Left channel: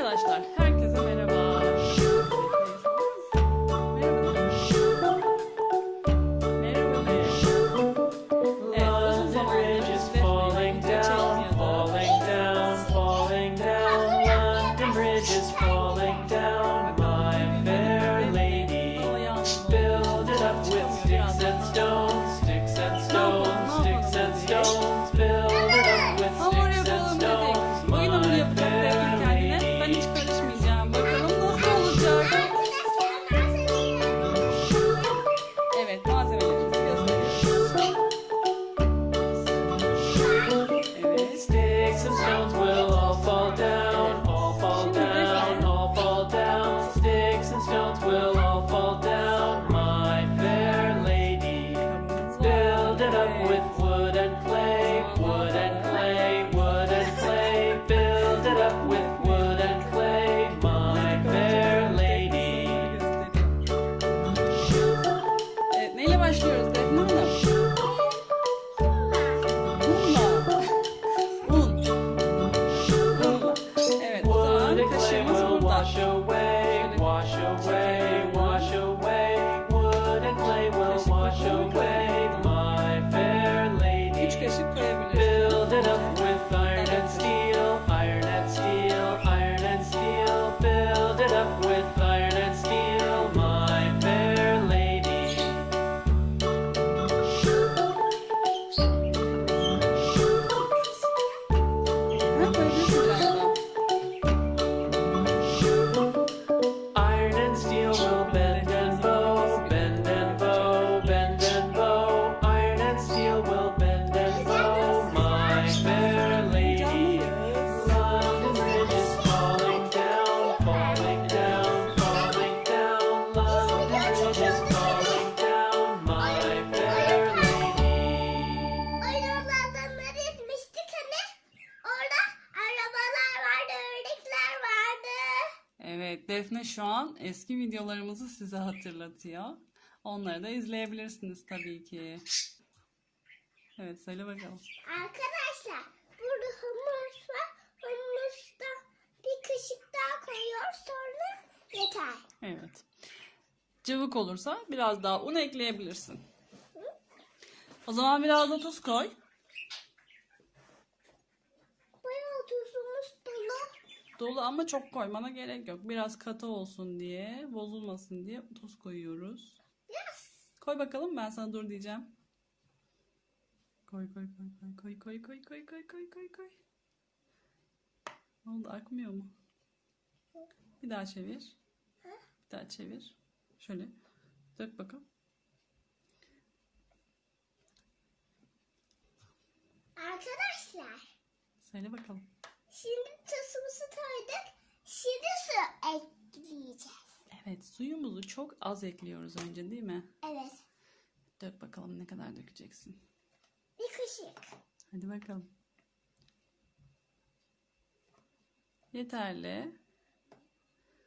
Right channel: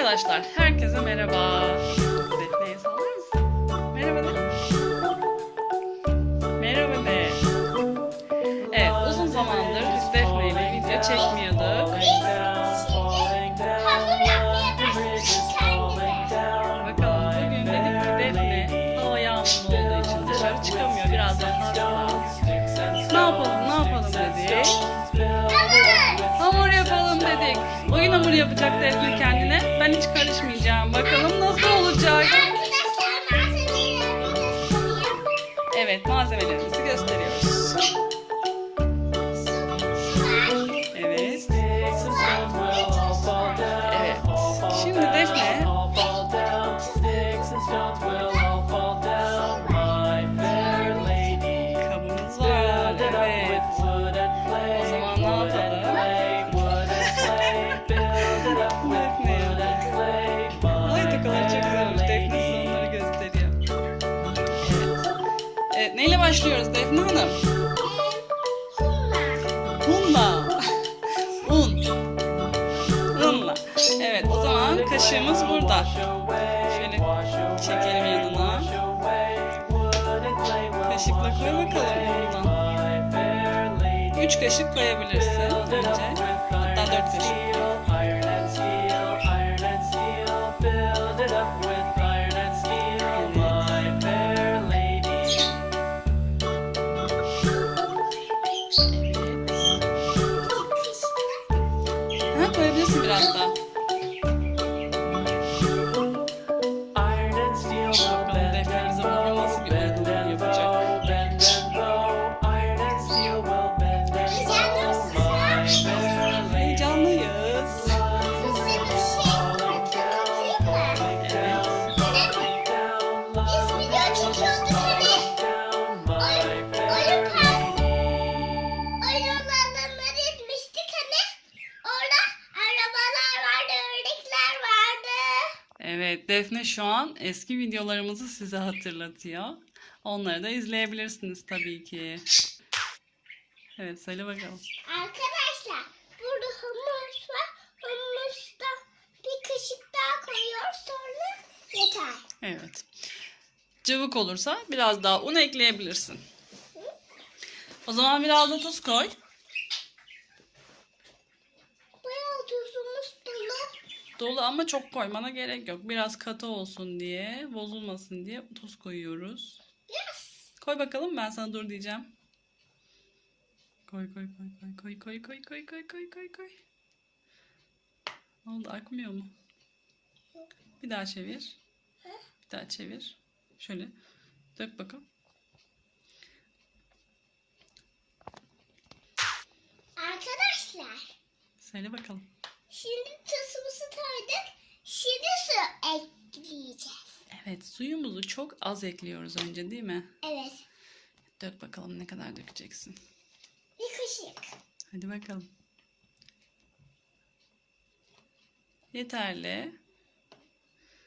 Arkadaşlar stones will all fall down, Thanks. Defne şu an eski videolarımızı size hatırlatıyor. Onları da izleyebilirsiniz tabii ki. Evet, söyle bakalım. Arkadaşlar burada humus var. Humusta bir kaşık daha koyuyoruz sonra yeter. Evet. Cıvık olursa biraz daha un ekleyebilirsin. O zaman biraz da tuz koy. Dolu. Ama çok koymana gerek yok. Biraz katı olsun diye, bozulmasın diye tuz koyuyoruz. Biraz. Koy bakalım ben sana dur diyeceğim. Koy koy koy koy koy koy koy koy koy koy koy koy. Ne oldu akmıyor mu? Bir daha çevir. Bir daha çevir. Şöyle dök bakalım. Arkadaşlar Söyle bakalım. Şimdi su ekleyeceğiz. Evet suyumuzu çok az ekliyoruz önce değil mi? Evet. Dök bakalım ne kadar dökeceksin. Bir kaşık. Hadi bakalım. Yeterli.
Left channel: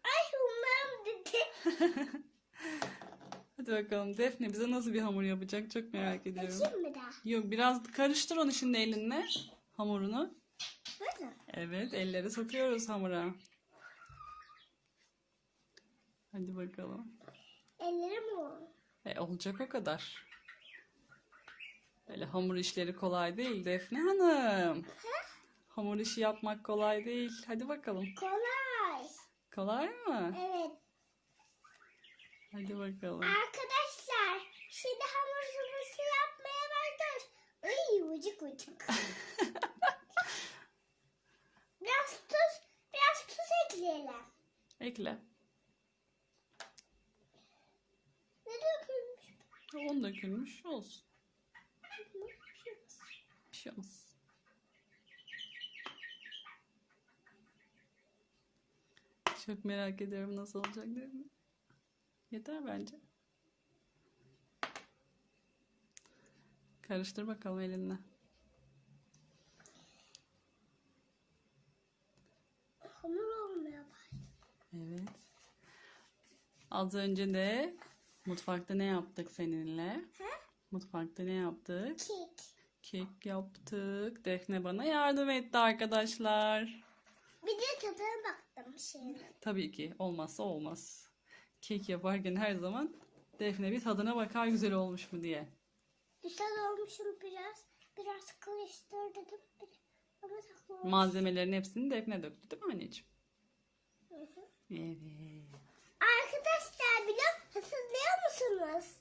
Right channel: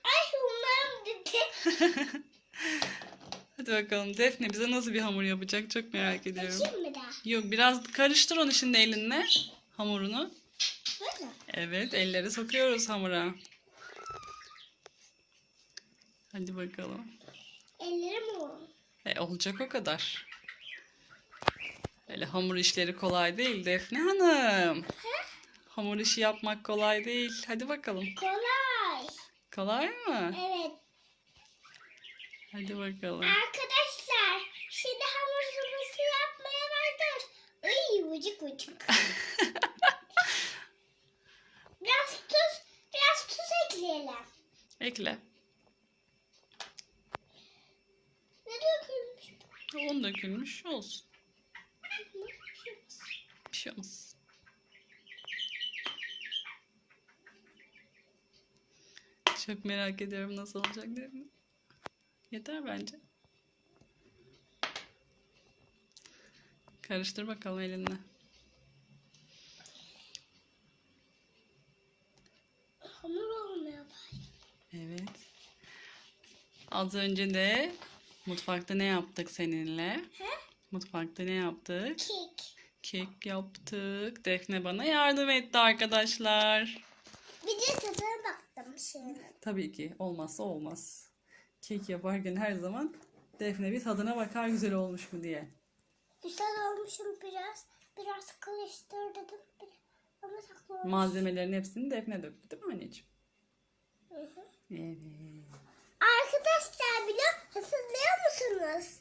Ay umarım dedi. Hadi bakalım Defne bize nasıl bir hamur yapacak çok merak ediyorum. Bakayım mı daha? Yok biraz karıştır onu şimdi elinle hamurunu. Böyle. Evet elleri sokuyoruz hamura. Hadi bakalım. Ellerim o. E, olacak o kadar. Öyle hamur işleri kolay değil Defne Hanım. Hamur işi yapmak kolay değil. Hadi bakalım. Kolay. Kolay mı? Evet. Hadi bakalım. Arkadaşlar şimdi hamurumuzu yapmaya başlıyoruz. Ay vıcık vıcık. biraz tuz, biraz tuz ekleyelim. Ekle. Ne dökülmüş? Un dökülmüş olsun. Bir şey olmaz. Çok merak ediyorum nasıl olacak değil mi? Yeter bence. Karıştır bakalım elinle. Hamur olmaya başladı. Evet. Az önce de mutfakta ne yaptık seninle? Mutfakta ne yaptık? Kek. Kek yaptık. Defne bana yardım etti arkadaşlar. Bir de tadına baktım. mısın? Tabii ki olmazsa olmaz. Kek yaparken her zaman Defne bir tadına bakar güzel olmuş mu diye. Güzel olmuşum biraz. Biraz karıştırdım. Ama saklı olmuş. Malzemelerin hepsini Defne döktü değil mi anneciğim? Hı hı. Evet. Arkadaşlar biliyor hatırlıyor musunuz?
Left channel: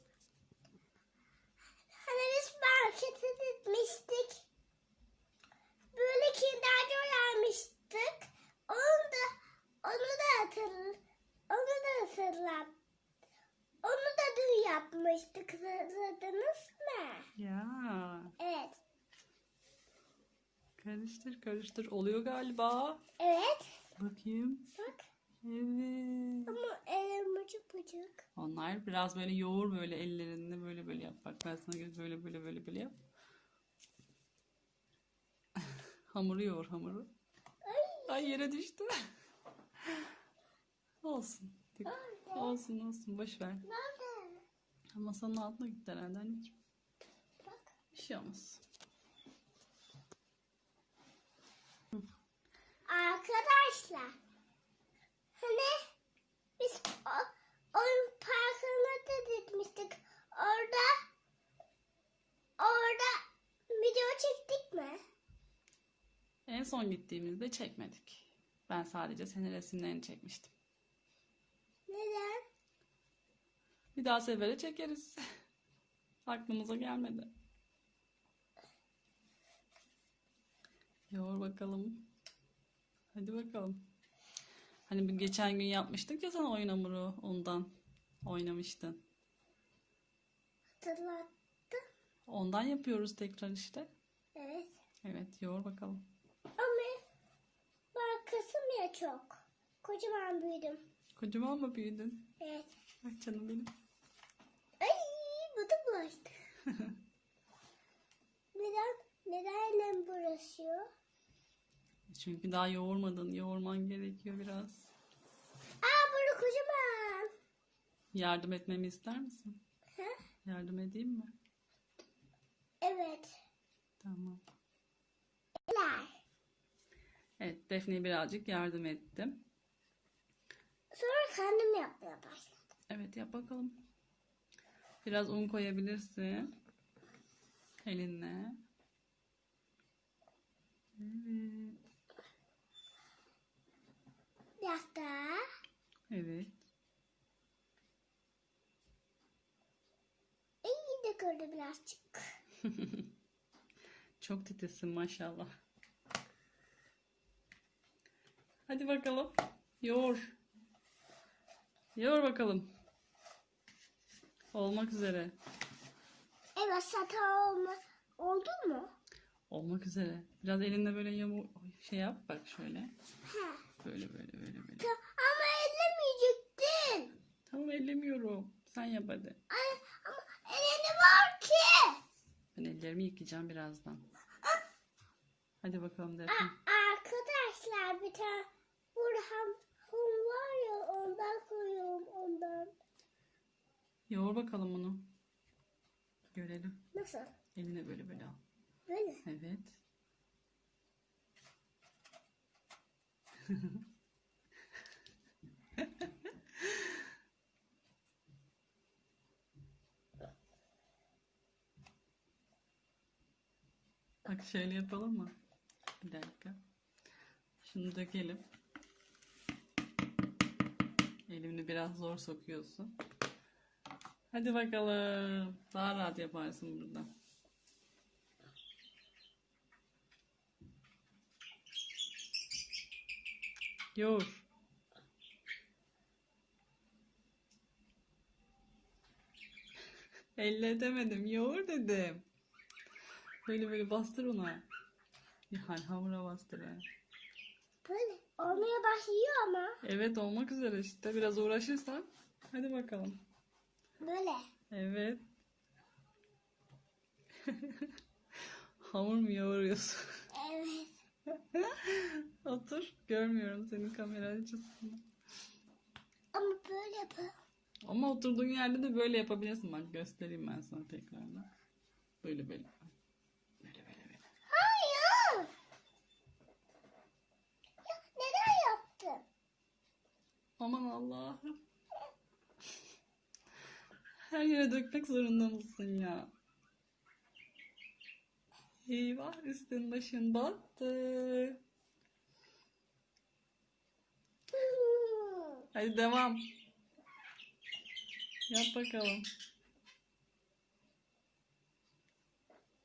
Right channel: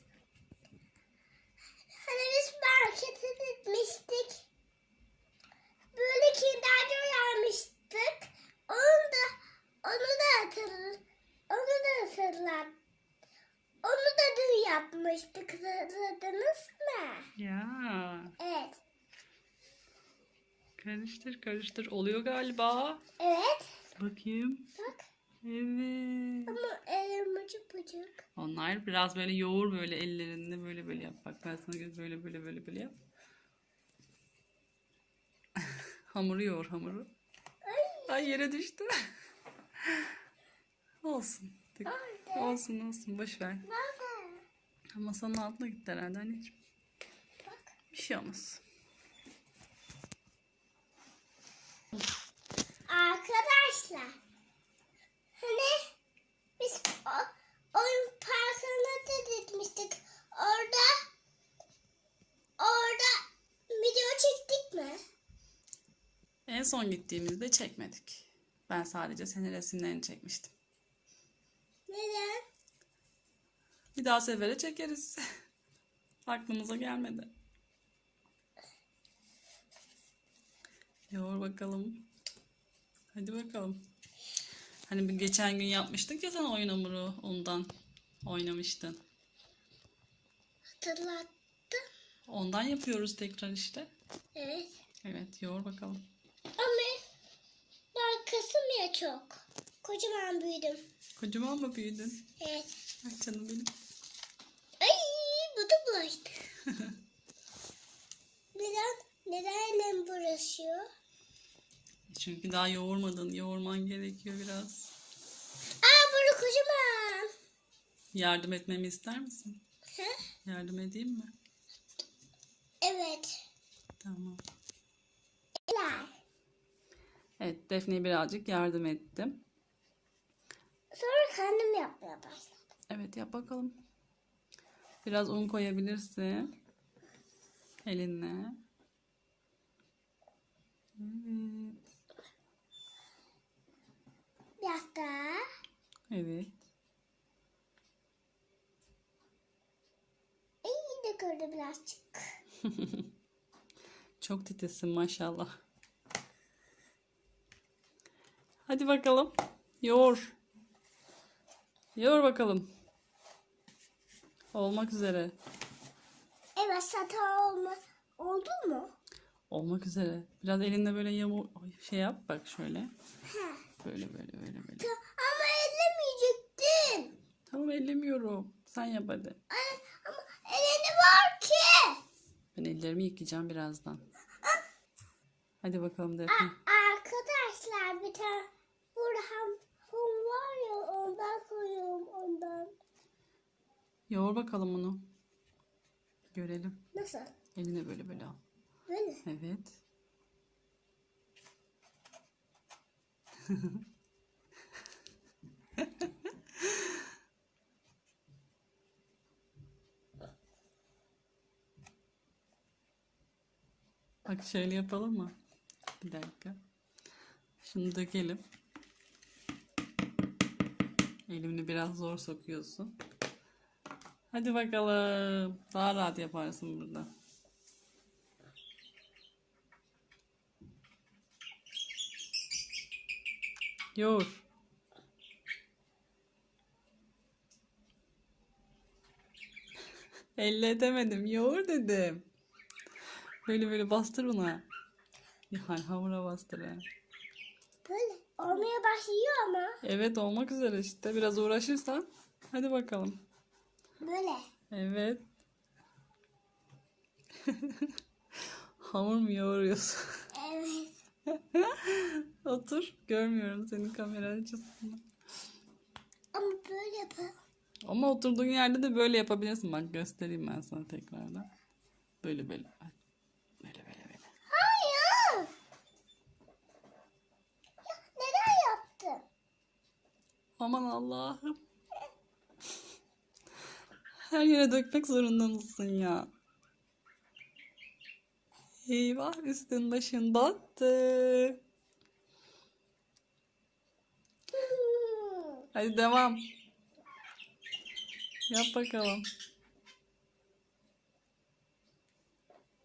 Hani biz markete gitmiştik. Böyle kinder joy almıştık. Onu da onu da hatırl onu da hatırlat. Onu da dün yapmıştık. Hatırladınız mı? Ya Evet. karıştır karıştır oluyor galiba. Evet. Bakayım. Bak. Evet. Ama. Onlar biraz böyle yoğur böyle ellerinde böyle böyle yap. Bak ben sana göz böyle böyle böyle böyle yap. hamuru yoğur hamuru. Ay yere düştü. olsun. Nerede? Olsun olsun boş ver. Masanın altına gitti herhalde anneciğim. Bak. Bir şey olmaz. Arkadaşlar. Hani biz o, oyun parkına da gitmiştik. Orada orada video çektik mi? En son gittiğimizde çekmedik. Ben sadece senin resimlerini çekmiştim. Neden? Bir daha sefere çekeriz. Aklımıza gelmedi. Yoğur bakalım. Hadi bakalım. Hani bir geçen gün yapmıştık ya sen oyun hamuru ondan oynamıştın. Hatırlattı. Ondan yapıyoruz tekrar işte. Evet. Evet yoğur bakalım. Ama ben kısım ya çok. Kocaman büyüdüm. Kocaman mı büyüdün? Evet. Ay canım benim. Ay bu da bulaştı. neden? Neden elim bulaşıyor? Çünkü daha yoğurmadın. Yoğurman gerekiyor biraz. Aa burada kocaman. Yardım etmemi ister misin? Ha? Yardım edeyim mi? Evet. Tamam. Evet Defne'ye birazcık yardım ettim. Sonra kendim yapmaya başladım. Evet yap bakalım. Biraz un koyabilirsin. Elinle. Evet. Biraz daha. Evet. İyi de gördü birazcık. Çok titizsin maşallah. Hadi bakalım. Yoğur. Yoğur bakalım. Olmak üzere. Evet sata olma. Oldu mu? Olmak üzere. Biraz elinde böyle yamu şey yap bak şöyle. Ha. Böyle böyle böyle böyle. Ta- Ama ellemeyecektin. Tamam ellemiyorum. Sen yap hadi. Ay, ama elini var ki. Ben ellerimi yıkayacağım birazdan. Hadi bakalım Defne. Arkadaşlar bir tane Burhan hum var ya ondan koyuyorum ondan. Yoğur bakalım bunu. Görelim. Nasıl? Eline böyle böyle al. Böyle. Evet. Bak şöyle yapalım mı? Bir dakika. Şunu dökelim. Elini biraz zor sokuyorsun. Hadi bakalım. Daha rahat yaparsın burada. Yoğur. Elle edemedim. Yoğur dedim. Böyle böyle bastır ona. Yani hamura bastır. ha. Böyle. Olmaya başlıyor ama. Evet olmak üzere işte. Biraz uğraşırsan. Hadi bakalım. Böyle. Evet. Hamur mu yoğuruyorsun? Evet. Otur. Görmüyorum senin kamera açısını. Ama böyle yapalım. Ama oturduğun yerde de böyle yapabilirsin. Bak göstereyim ben sana tekrardan. Böyle böyle. Böyle böyle böyle. Hayır. Ya, neden yaptın? Aman Allah'ım. Her yere dökmek zorunda mısın ya? Eyvah üstün başın battı. Hadi devam. Yap bakalım.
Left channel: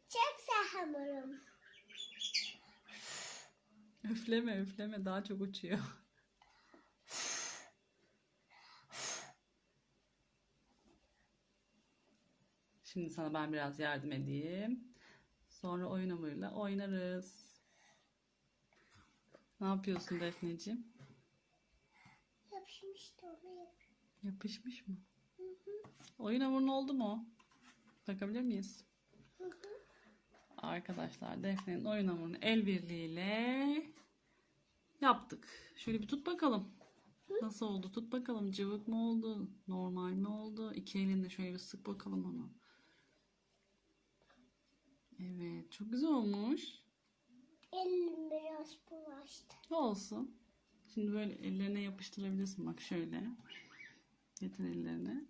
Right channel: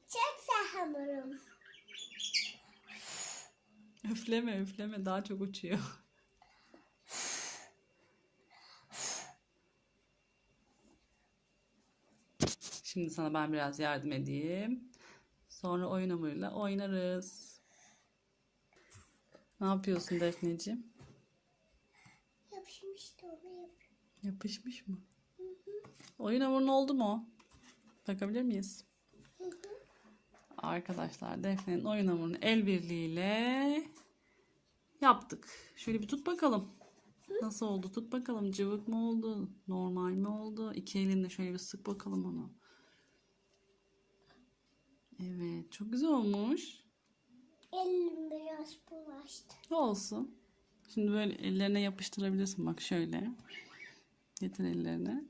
Çekse hamurum. Üfleme üfleme daha çok uçuyor. Şimdi sana ben biraz yardım edeyim. Sonra oyun hamuruyla oynarız. Ne yapıyorsun Defneciğim? Yapışmıştı onu yap. Yapışmış mı? Oyun hamurun oldu mu? Bakabilir miyiz? Arkadaşlar Defne'nin oyun hamurunu el birliğiyle yaptık. Şöyle bir tut bakalım. Nasıl oldu? Tut bakalım. Cıvık mı oldu? Normal mi oldu? İki elinle şöyle bir sık bakalım onu. Evet. Çok güzel olmuş. Elim biraz bulaştı. Olsun. Şimdi böyle ellerine yapıştırabilirsin. Bak şöyle. Getir ellerine.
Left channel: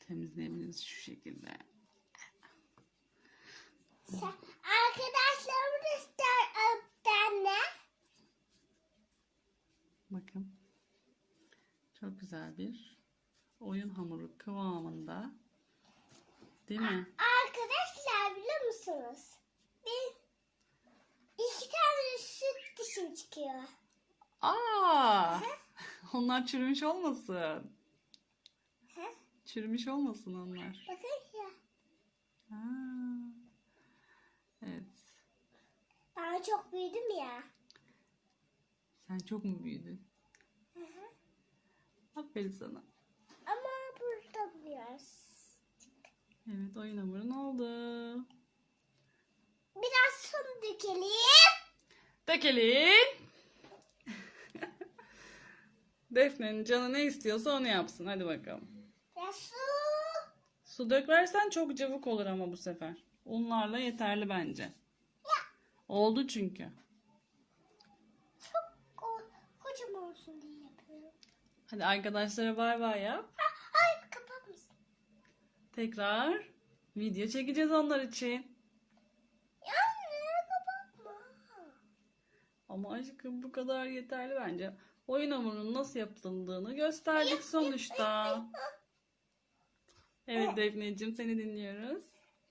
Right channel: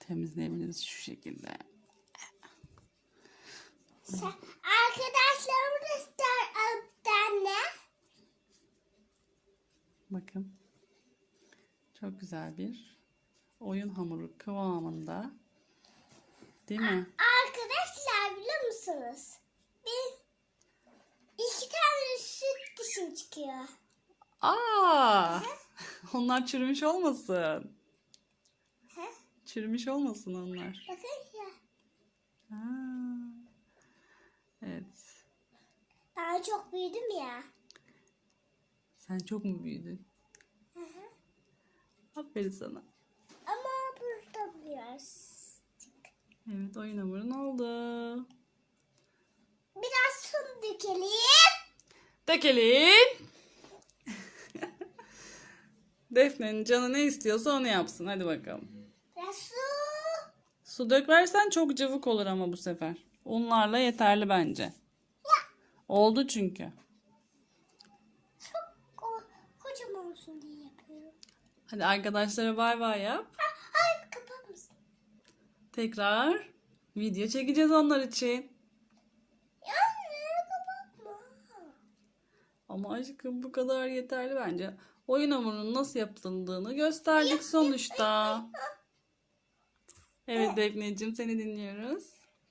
Temizleyebiliriz şu şekilde. Sen, arkadaşlarım da ister alıp ne? Bakın. Çok güzel bir oyun hamuru kıvamında. Değil mi? Arkadaşlar biliyor musunuz? Bir iki tane dışım çıkıyor. Aa! Onlar çürümüş olmasın. He? Çürümüş olmasın onlar. Bakın ya. Aa. Evet. Ben çok büyüdüm ya. Sen çok mu büyüdün? Aferin sana. Ama burada biraz. Evet oyun hamurun oldu. Biraz su dökelim. Dökelim. Defne'nin canı ne istiyorsa onu yapsın. Hadi bakalım. Biraz su. Su döklersen çok cıvık olur ama bu sefer. Unlarla yeterli bence. Oldu çünkü. Çok ko- kocaman olsun diye yapıyorum. Hadi arkadaşlara bay bay yap. Ha, ay kapar mısın? Tekrar video çekeceğiz onlar için. Ama aşkım bu kadar yeterli bence. Oyun hamurunun nasıl yapıldığını gösterdik sonuçta. Evet Defneciğim seni dinliyoruz.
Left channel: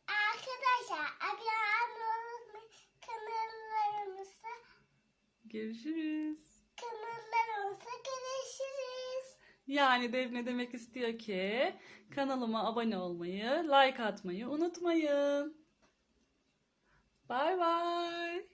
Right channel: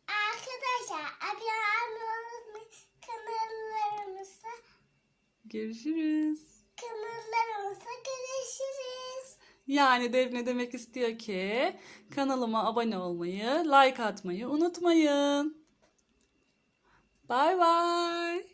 Arkadaşlar abone olmayı kanallarımıza Görüşürüz. kanallarımıza görüşürüz. Yani Defne demek istiyor ki kanalıma abone olmayı, like atmayı unutmayın. Bay bay.